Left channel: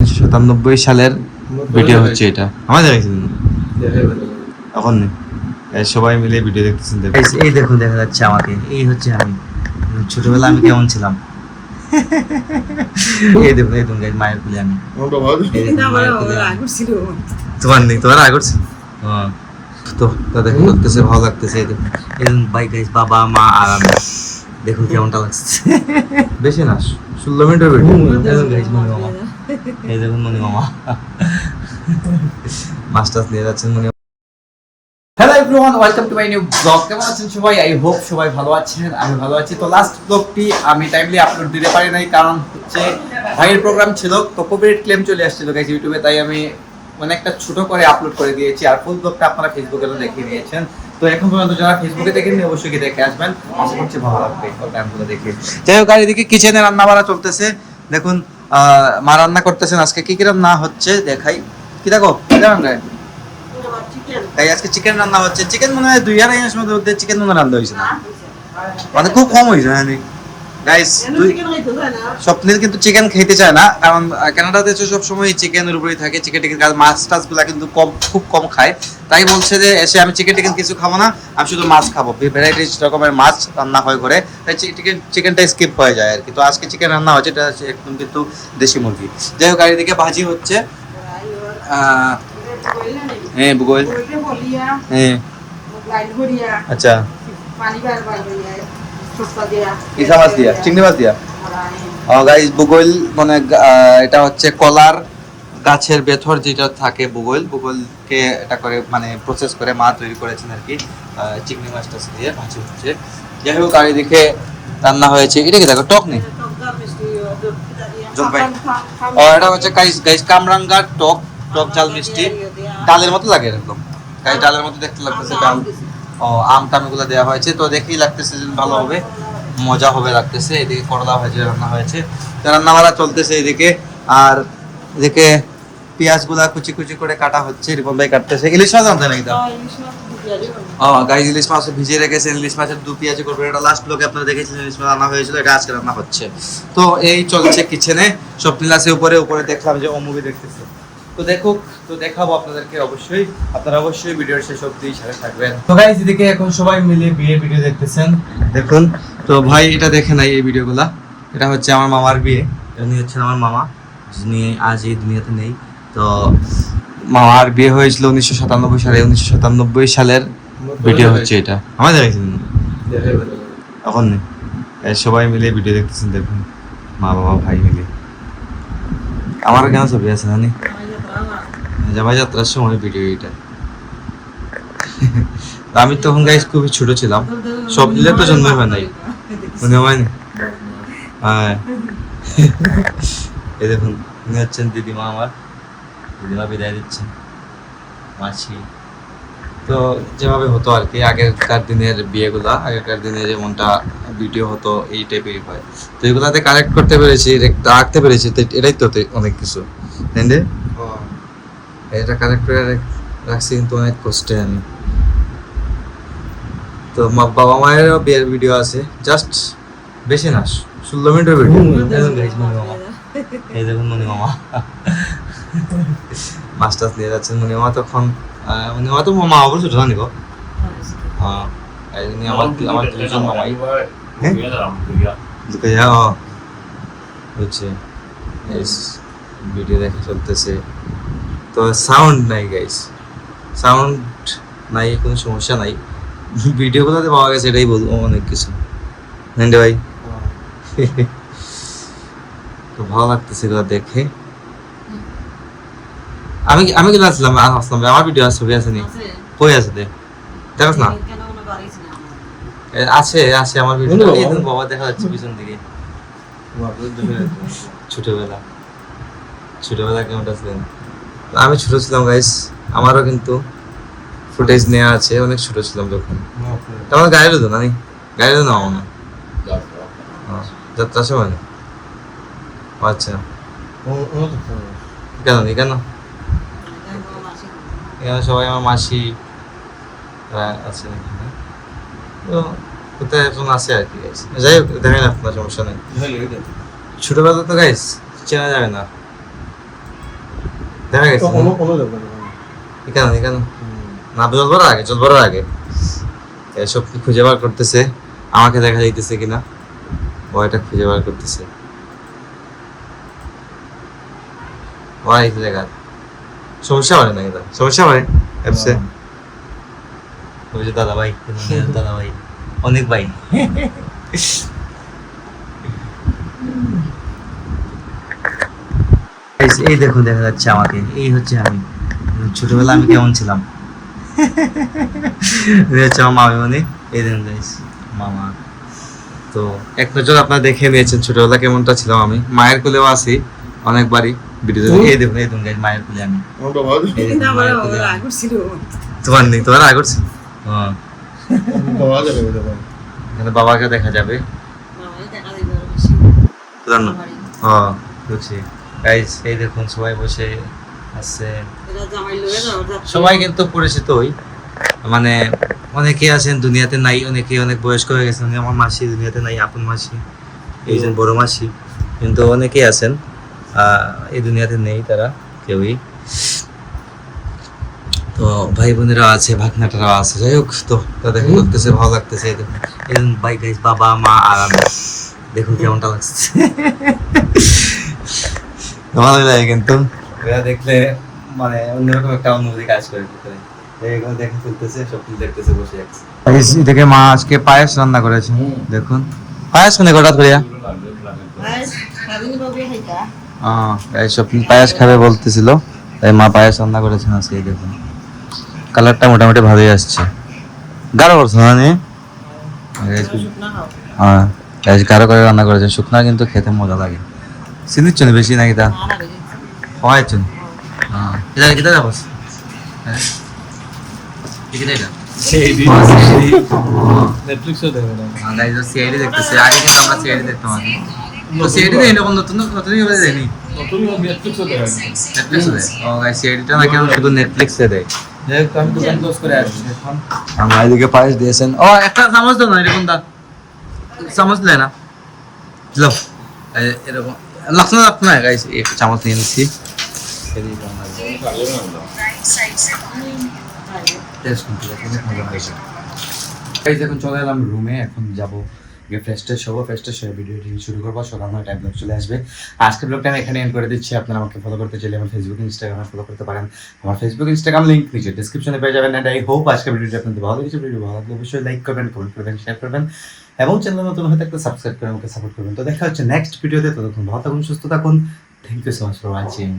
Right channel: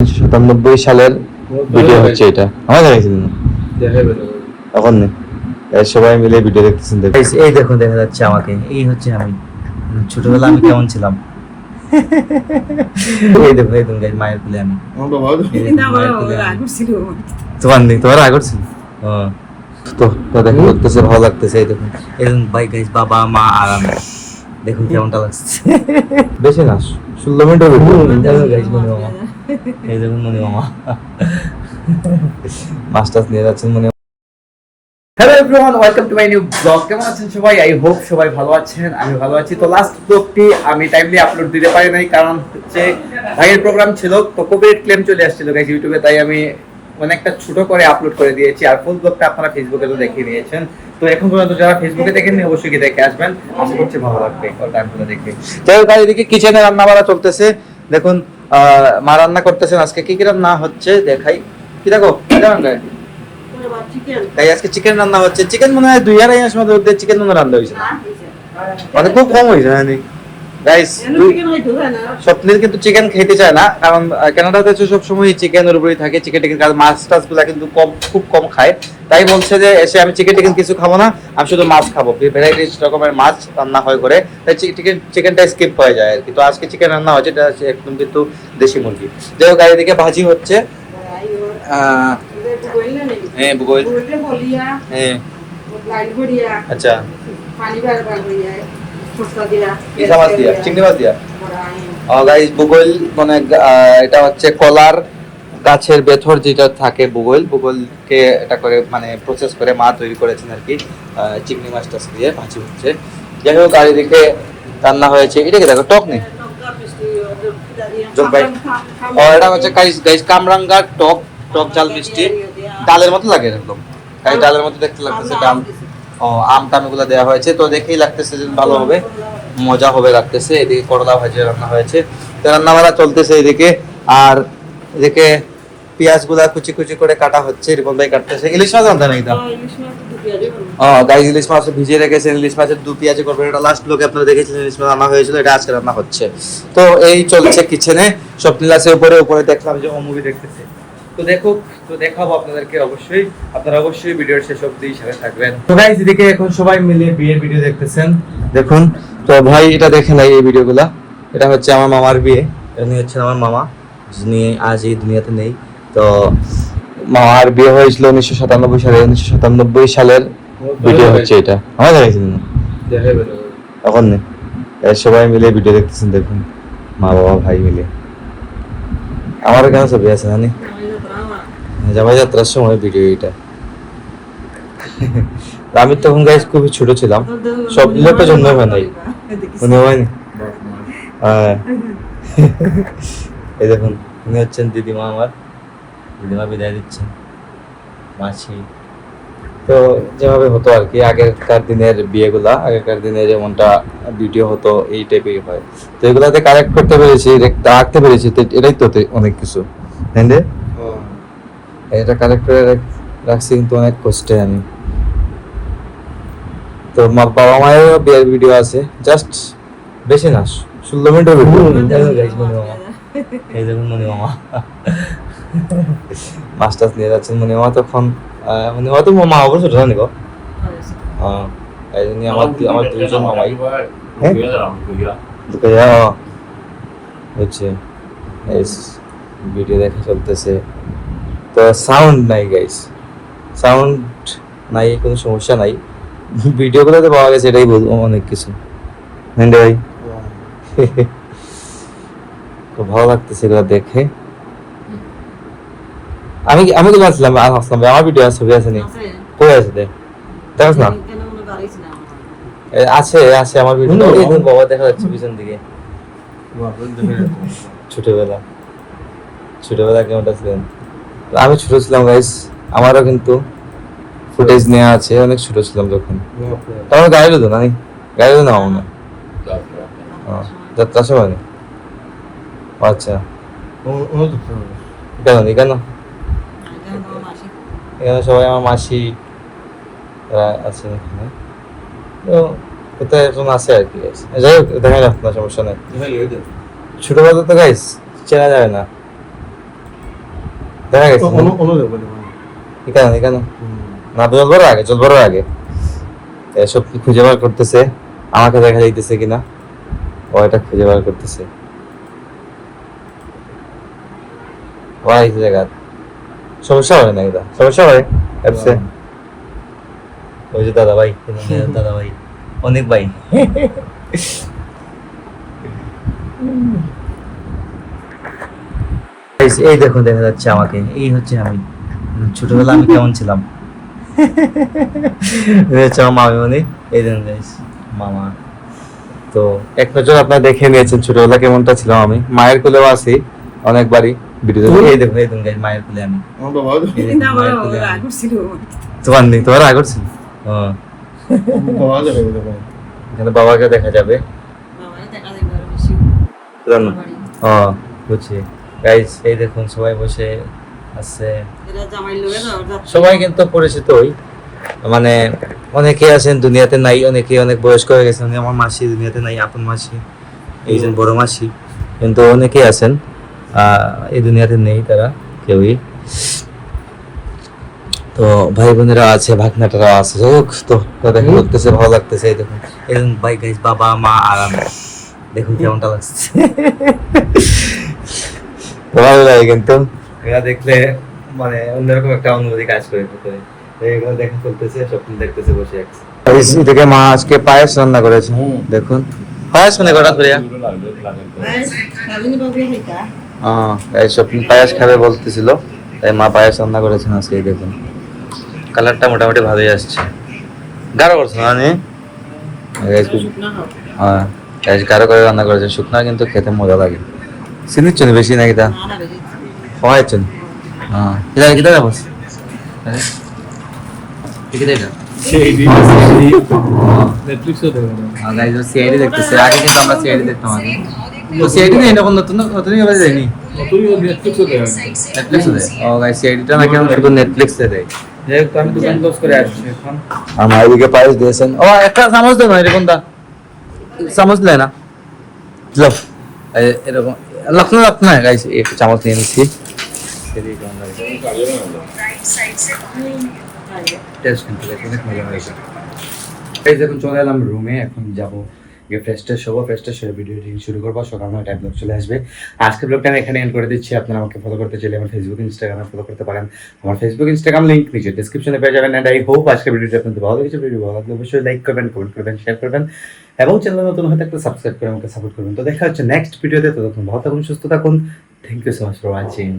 1997 সালের ভিডিও হচ্ছে এটা। আমার দেখাইছিলেন এখন নেই, সবাই মিলে ভিডিও দেখতেছেন। এই দেখুন, দেখা যাচ্ছে আমাকে, এই হচ্ছে আমি ছোটবেলা আমি কেমন ছিলাম। এই দেখুন, এই দেখুন গাইস, মায়ের কোলে আমি, মায়ের কোলে আমি। তোমার নেই, তোমার আগে ছিল। তো তো দেখা লাগতেছে, ভালো লাগতেছে। এই দেখুন, এই দেখুন ভাই গাইস, বাবা মা আর আমি, দেখুন কেমনটা লাগছে। বেশি না, 16 মিনিটের ভিডিও গাইস। মনি মামা, এই দেখুন মনি মামা মাস্টার্স নিয়ে যাচ্ছেন মনি। Hello everyone, welcome to my new blog. কেমন আছেন সবাই? আই হোপ সবাই ভালো আছেন, আমি ভালো আছি। তো লাস্ট ব্লগটি আমি টাইমলি আপলোড দিতে পারি নাই, কারণ হচ্ছে ভাইয়ের প্রোগ্রাম ছিল, তো কপিরাইট ক্লেম চলে আসছিল গাইস ইউটিউবে, তাই আমি একটা ছোট করে আপলোড করে দিয়েছি। আর ফুল ব্লগটা আপনারা ফেসবুকে তো দেখিয়ে নিয়েছেন। তো এখন পর্যন্ত যারা ফেসবুকে দেখেননি অবশ্যই কি দেখে আসবেন, আশা করছি ভালো লাগবে টাইমগুলো দেখে। যাই হোক, আর এদিকে কিচেনে রান্না বাড়া চলতেছে। দেখুন মা রান্না করতেছেন। আজকে কি কি রান্না হচ্ছে দেখাই। কি দেখো তাই আজকে চিকেন রান্না হচ্ছে। চিকেন মনে হয় 2-2.5 মাস মধ্যে চিকেন মনে রান্না হয়েছে না, মানে খুব কম হয়েছে। হ্যাঁ গাইস, স্বপ্নিল কিন্তু চিকেন খেতে চায় না, কারণ কানাডাতে সব সময় চিকেনের উপরেই থাকে। চিকেন টিকেন মাছ টাছ গুলা কিন্তু খুব কম খায়। তাই বলছে যে এসে আমি চিকেন টিকেন কিছু খাবো না, আমি শুধু মাছ খাবো। ভ্যারাইটিস রকমের মাছ রান্না হয় করে, তাই চিকেনটা স্কিপ হয়ে যায় আর কি। তো আজকে চিকেন রান্না হচ্ছে, এটা একদম কিন্তু দেশি মুরগি। যাই হোক, আর এদিকে ভাজি হচ্ছে। হ্যাঁ ভূগোল, হ্যাঁ আচ্ছা, ইসা মাছ দিয়া, চিংড়ি মাছ দিয়া। গাইস ভূগোল মানে এটা হচ্ছে কলার গাছের ভেতর যেটা থাকে ভূগোলকে এটা করে মানে প্রসেস করে মা তৈরি করেছেন আর কি। চিংড়ি মাছটা দিয়ে ভাজি হচ্ছে। যাই হোক, আর এদিকে রান্না হয়েছে। এটা কি দেখো, টক নেই, জলপাই। এটা হচ্ছে গাইস কামরাঙ্গার টক ঝাল মিষ্টি, ডালের মতো লাগে এরকম গাইস, ডালের মতো দেখতে লাগতেছে। আম টাম এগুলো দেওয়া হয়েছে, তো দেখেই লাগতেছে যে ভালো হবে, মজা হবে লাগতেছে। এদিকে করলা ভাজি রান্না হয়েছে, রান্না বাড়া চলতেছে এদিকে। আর এদিকে পেঁয়াজ গুলা কুচি কুচি করে কাটা হচ্ছে, রিপন ভাই কাটতেছে। ইলিশ মাছ আনতে নাই তো, গাইস ইলিশ মাছ ভিজিয়ে রেখেছেন। ইলিশ মাছের 2 পেঁয়াজি করবেন, এটা লাস্ট ব্লগে আপনারা দেখেছিলেন। ইলিশ মাছ আনা হয়েছিল, এটা আজকে রান্না হচ্ছে। তো এই চলছে কিচেনে। স্বপ্নিল আছে উপরে দেখলাম যে ও মুভি দেখতেছে। তো দেখুক, তো দেখাবো আপনাদেরকে অবশ্যই। আপনারা অবশ্যই ভিডিওর শেষ অবধি সাথে থাকবেন। তো গাইস এদিকে এখন সবাই মিলে বিয়ের ভিডিও দেখতেছেন, দেখুন। তো ভাই এটা দেখে নাই এই ভিডিওগুলা। এটা হচ্ছে আমার মামার বিয়ে, উনি হচ্ছেন আমার মামা, যিনি আজ এই দুনিয়াতে নেই। তো মামার বিয়ে হয়েছিল 1997 সালে। 1997 সালের ভিডিও হচ্ছে এটা। আমার দেখাইছিলেন এখন নেই, সবাই মিলে ভিডিও দেখতেছেন। দেখুন মা বাবা ভাই মিলে। আমারও কেন ছবি আছে জানি, জামাই যাত্রার সময় ভিডিও এটা। আমি তখন গাইস খুবই ছোট ছিলাম, সব মিলে তো জন্মই হয় নাই, মনে হয়নি। এই দেখুন, উনি হচ্ছেন দিদিমা, আমার দিদিমা বিদায় দিচ্ছেন, মাসি। তো যেভাবে হতো আর কি আগেকার দিনের বিয়েগুলা, আগেকার দিনে যেমনটা ভিডিও হতো এই টাইপেরই হয়। তো এগুলাতে কালেক্ট করতে পেরেছি, রাখতে পেরেছি, এটাই তো অনেক কিছু। হ্যাঁ, এটা কালেক্ট করে রাখছি কিন্তু অনেক কষ্টে আমি। তো বাবা মায়ের বিয়ের ভিডিও আছে, জাস্ট বেশি না, 16 মিনিটের ভিডিও গাইস। মনি মামা, এই দেখুন মনি মামা মাস্টার্স নিয়ে যাচ্ছেন মনি মামা। তখন মনি মামা তো মামা অবশ্য ছোট জানি গো। এই জন্য আমার 2জন মামাই। হ্যাঁ ঢুকে যাও হচ্ছে, ভিডিও দেখা চলতেছে। তো সাউন্ড নাই গাইস, সাউন্ড নাই, কোনো সমস্যা নাই। ভিডিওগুলোতে পাওয়া গেছে, এটাই বলবো অনেক কিছু। হ্যাঁ ভাই তো ভালো লাগতেছে এগুলো দেখে। আমি কি আসলাম আমার ভিডিও ছবি আছে নি, কই আছে দেখো না, আছে আমার ভিডিও। বাবা দেখা যাচ্ছে পিছন দিকে। ছোটবেলা কেমনটা ছিলেন? আমি ছোট ছিলাম গাইস, আমারও কিন্তু ফুটেজ নেওয়া আছে। অনেক ছোট ছিলাম যখন। তখন গাড়ি তো নাই, গাড়ি তো নাও না যাত্রা সময়। আচ্ছা, কেন এখানে সবাই আমার মাসি আছে এখানে, তো কোথায় এখন আছে আর কি। যাই হোক, দেখাই রাখতো না, সমস্যা নাই। ছোটবেলা তো গাইস চেনা যাবে না, দেখা গেছে কেন কেন না চলবার আগে এসব কি খুঁজে বার করতেছে, আমাকে দেখা যাইতেছে কিনা, ও এটা খুঁজে বার করতেছে। ওই জায়গা সমস্যা হয় না, এটা সমস্যা হয় অ্যাপসে। ওই যে দাদা ভাই, দাদা ভাই অনেক ভাই। এই দেখুন দেখা যাচ্ছে আমাকে, এই হচ্ছে আমি ছোটবেলা আমি কেমন ছিলাম। এই হচ্ছে আমার মামিমণি, এই দেখুন গাইস মামা। তো এক নজর আপনারা দেখে নিয়েছেন ছোটবেলা কেমনটা ছিলাম আমি, মায়ের কোলেও আছি অনেকবারই ভিডিওতে। এই দেখুন গাইস মায়ের কোলে আমি, এই দেখুন মায়ের কোলে আমি। তোমার আগে করছি। এখানে বাবাকে দেখা যাবে। বুঝছি গাইস, এই দেখুন সবাই বসে আছে, সবাই কিন্তু পরিচিতই, মানে অনেকে আছেন দুনিয়াতে নাই, অনেকে অনেক বয়স্ক হয়ে গেছেন। আমার মাসি দুনিয়াতে নাই, আপন মাসি, এইজন বড় মাসি, কিন্তু অনেকে আছেন এই দুনিয়াতে নেই, তারা কেউই। তো ভাই বোনেরা আছে, ভাগনাটারা আছে, যাই হোক। তো দেখা করতেছে, ভালো লাগতেছে। এই দেখুন এরকম ভাই গাইস, বাবা মা আর আমি, দেখুন কেমনটা লাগছে। ভালো লাগে কিন্তু এরা দেখলে, মানে অন্যরকম একটা অনুভূতি কাজ করে ভিতরে। এগুলো দেখা চলতেছে, স্বপ্ন দেখতেছে বসে আছে। এদিকে মা আজকে পায়েস রান্না করেছে, দেখুন পায়েস কোনে হঠাৎ করে স্বপ্ন পায়েস খাবে বলতেছিল, তাই মা পায়েস রান্না করেছেন আজকে। দেখুন কালারটা মোটামুটি ভালোই আসছে, গাঢ় করছে না? হ্যাঁ গাঢ় করে রান্না করেছে, শুকনা কিন্তু খেতে মজা লাগে। চিনির চুনি বেশি নাকি তা হয়তো? হ্যাঁ কিতা যাবো সিআইডি দেখতেছে, আগে কিন্তু আমরা সিআইডি দেখতাম আগে। তো সিআইডি নেই এরকম নতুন নতুন যায়নি, সিআইডিটা নাকি এখন শুধু নেটফ্লিক্সে দেয়। যাই হোক আমি দোকান ক্লোজ করে আসছি এখন। আমার এদিকে পায়েস দিয়েছেন, ও একটা চামচ দেবো না, এরকম দা চামচ নেয় না, এরকম লাগছে না গাইস, একটু চামচ নিয়ে নিচ্ছি। এখন চলে এলাম রুমে, এখন যাবো ফ্রেশ ট্রেশ হবো, ফ্রেশ ট্রেশ হয়ে ভিডিওটি শুরু করবো। সকাল 9টায় ব্লগ চলে আসবে। আজকের ব্লগটা আমি এখানে এন্ড করে দিচ্ছি। আপনারা আমাকে ফলো করতে চাইলে আমার ফেসবুক ইনস্টাগ্রামে ফলো করতে পারেন। আমার ফেসবুক ইনস্টাগ্রাম লিঙ্ক নিচে ডিসক্রিপশনে পেয়ে যাবেন। এন্ড আই হোপ আজকের ভিডিওটি আপনাদের ভালো লেগেছে। ভিডিও ভালো লাগলে অবশ্যই লাইক করবেন, কমেন্ট করবেন, শেয়ার করবেন এবং চ্যানেল নতুন হয়ে থাকলে সাবস্ক্রাইব করে আমাকে সাপোর্ট করবেন। তো দেখা হচ্ছে নেক্সট ভিডিওতে। ততক্ষণ ভালো থাকুন, সুস্থ থাকুন। Thank you so much for watching.